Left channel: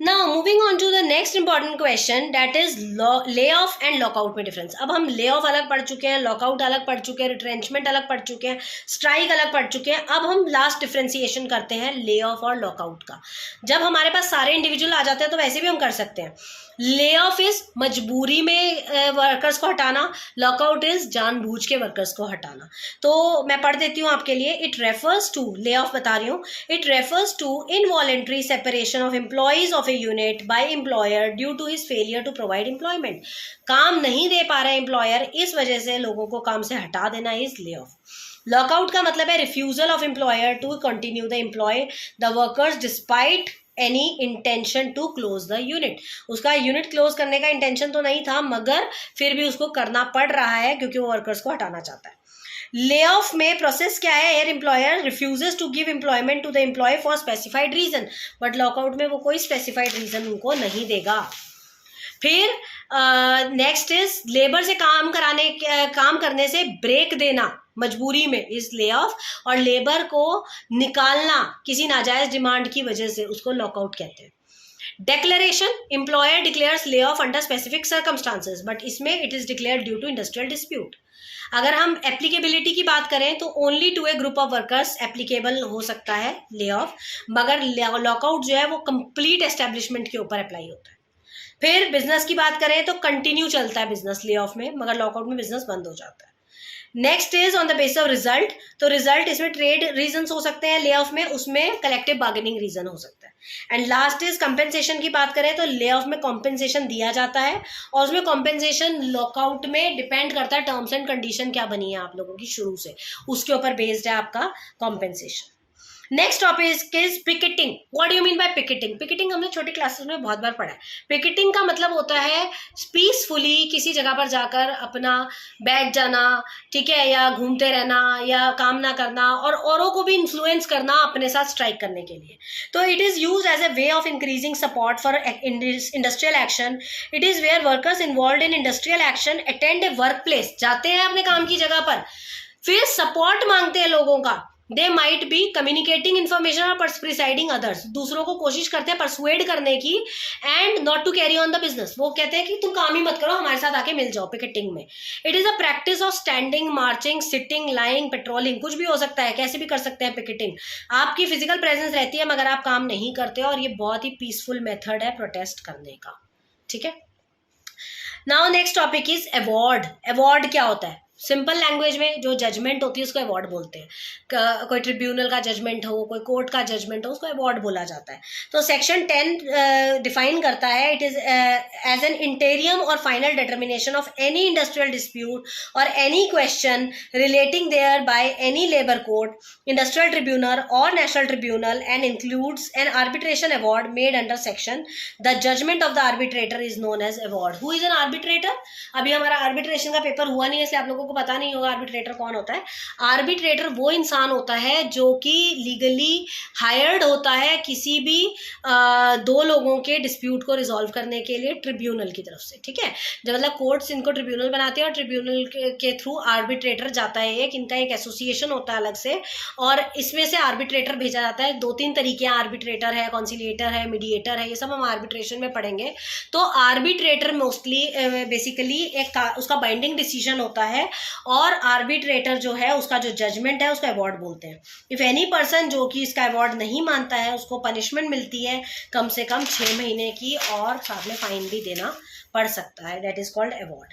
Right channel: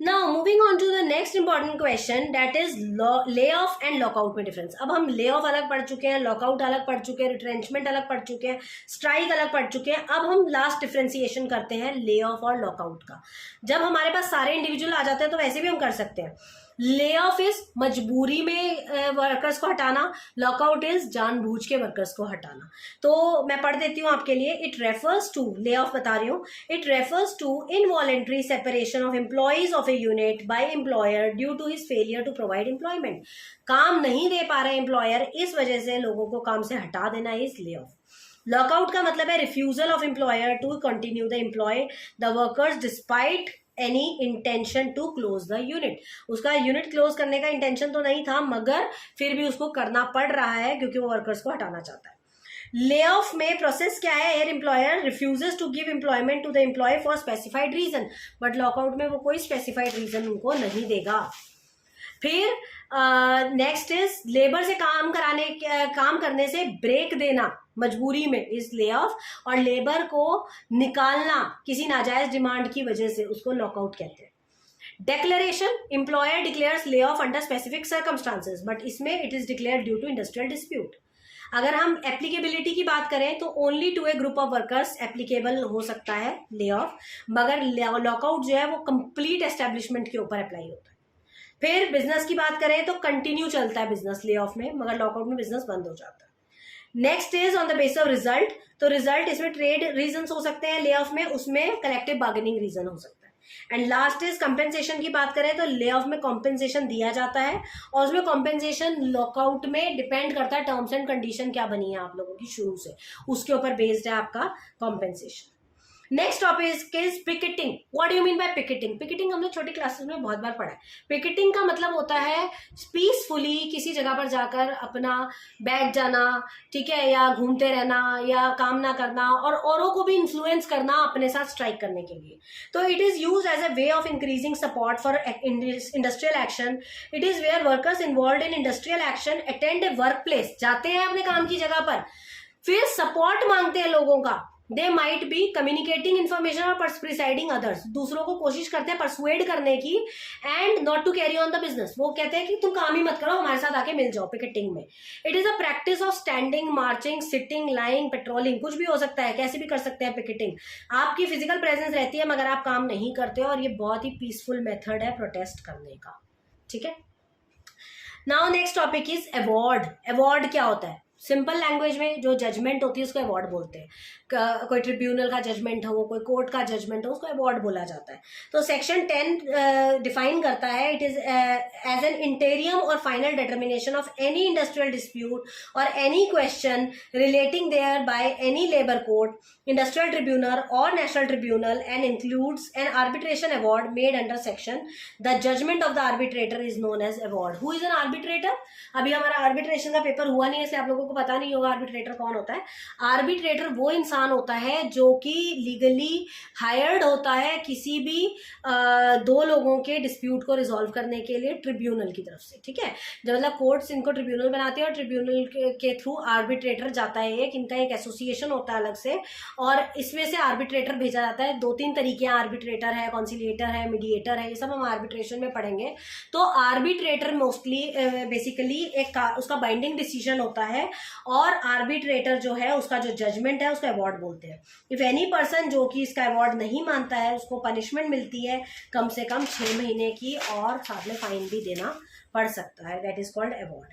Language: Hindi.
Now moving on to the next important question, that is lay off and lockout में डिफरेंस। अब हम ले ऑफ अलग पढ़ चुके हैं, लॉकआउट अलग पढ़ चुके हैं, रिट्रेंचमेंट अलग पढ़ चुके हैं, स्ट्राइक अलग पढ़ चुके हैं। अब हम लास्ट डिफ्रेंसिएशन करते हैं ले ऑफ और लॉकआउट का। जब हमारे पास सारे इंडिविजुअल आ जाते हैं तो वैसे भी हम कर सकते हैं। ले ऑफ इज मजबूरी में वर्कर्स को हटाना, लॉकआउट इज जानबूझ के वर्कर्स को हटाना। तो मैं पढ़ देती हूँ आपके लिए। It refers to, lay off बता रही हूँ, it refers to involuntary separation of employees of a unit by employer due to his failure to provide employment. काम नहीं दे पा रहा है एम्प्लॉयर, इस वजह से लोगों को काम से हटा देना इज ले ऑफ। लॉकआउट का मतलब है refusal of employer to continue the employ the workers despite any intention to close the unit. उसका यूनिट क्लोज करने का इंटेंशन तो नहीं था, मगर फिर भी उसको करना पड़ रहा है क्योंकि वो वर्कर्स को हटाना चाहता है। ले ऑफ में प्रोसेस क्या है? Here employer refuses to give employment to the employee for specified reason, but lockout में वो कोई स्पेसिफाइड रीजन उनको नहीं देगा। फिर नेक्स्ट इज लेबर से काम करने से ब्रेक देना मजबूरी में इज ले ऑफ, और लेबर को निकालना किसी नाजायज डिमांड की वजह से उसको लॉकआउट कहते हैं। Declaration, employer declares lay off under specific circumstances, but इसमें it is declared due to industrial dispute. अगर हम एप्लीकेबिलिटी की बात करें तो only to a group of workers applicable हो सकता है ले ऑफ, मगर लॉकआउट जो है वो कंप्लीट एस्टेब्लिशमेंट के ऊपर अप्लाई होता है। फिर बिजनेस की बात करें तो कंटिन्यू चलता है बिजनेस ले ऑफ में, मगर लॉकआउट में बिजनेस बंद हो जाता है। Next is on the basis of result, तो रिजल्ट इसमें ट्रेड रीजंस हो सकते हैं ले ऑफ में, उसमें कलेक्टिव बार्गेनिंग रीजन हो सकता है। एंड लास्ट इज कंपेंसेशन की बात करें तो ले ऑफ में कॉम्पेंसेशन दिया जाता है, और उसमें कॉम्पेंसेशन लॉकआउट में डिपेंड करता है टर्म्स एंड कंडीशन क्या बनी है आप लोगों की शुरू से, उसके ऊपर बेस्ड है आपका compensation. Next topic is picketing. What do you mean by picketing? Picketing हमने छोटी क्लासेस में बहुत बार पढ़ा है। पिकेटिंग का मतलब होता है पीसफुली किसी जगह पर जाकर अपना बैठ जाना, ठीक है, या घूमते रहना, या काम ना करना, और औरों को भी इन्फ्लुएंस करना अपने साथ स्ट्राइक करने के लिए। तो it is use as a way of increasing support for industrial action. It is where workers involve in industrial action attend a workplace, जाते हैं अपने काम की जगह पर, फिर सपोर्ट मांगते हैं लोगों का। They might be communicating information और प्रिसाइडिंग अदर्स, दूसरों को कोशिश करते हैं परसुएड करने की, and not to carry on the business. वो कहते हैं कि तुम काम ही मत करो, हमारे साथ आके मिल जाओ पिकेटिंग में। It is a practice of standing, marching, sitting, lying, patrolling, कुछ भी हो सकता है, कैसे भी कर सकते हैं पिकेटिंग। आपकी फिजिकल प्रेजेंस रहती है मगर आप काम नहीं करते हो, और ये बहुत ही पीसफुल मेथड है प्रोटेस्ट करने का, ठीक है। Now next topic is award. Award क्या होता है? सिंपल लैंग्वेज में जो जजमेंट होती है उसको अवार्ड बोलते हैं। कोई ट्रिब्यूनल का जजमेंट हो, कोई कोर्ट का जजमेंट हो, उसको अवार्ड बोला जाता है। तो सेक्शन 10 डिफाइन करता है, it is as an interim और final determination of any industrial dispute और any question relating thereby any labour court, industrial tribunal और national tribunal, and includes an arbitration award made under section. The judgement of the arbitrator is known as award. Who is an arbitrator? अभी हमारा आर्बिट्रेशन का पेपर हुआ नहीं है, इसलिए आप लोगों को पता नहीं होगा आर्बिट्रेटर कौन होता है। आर्बिट्रेटर वो इंसान होता है जो कि लीगली हायर्ड होता है किसी भी दो लोगों के डिस्प्यूट को रिजॉल्व करने के लिए ट्रिब्यूनल की तरफ से, ठीक है। जब मतलब कोर्ट्स इनको ट्रिब्यूनल बनाते हैं और ट्रिब्यूनल के थ्रू आर्बिट्रेटर जाता है, एक इनका एक एसोसिएशन होता है अलग से, और इसमें से आर्बिट्रेटर भेजा जाता है। 2-3 तरीके हैं, आर्बिट्रेटर है, कॉन्सिलिएटर है, मीडिएटर है, ये सब हम आर्बिट्रेशन में पढ़ेंगे। तो आर्बिट्रेटर मोस्टली बेसिकली एक उसका बाइंडिंग डिसीजन होता है, और आर्बिट्रेटर जो है उसका जो जजमेंट है उसको अवार्ड बोलते हैं। इफ एनी पर्सन जो कि इसका अवार्ड नहीं मानता है उसको पनिशमेंट मिलती है कम से कम 6 महीने की, और साथ में फाइन भी देना पड़ सकता है। That is called award.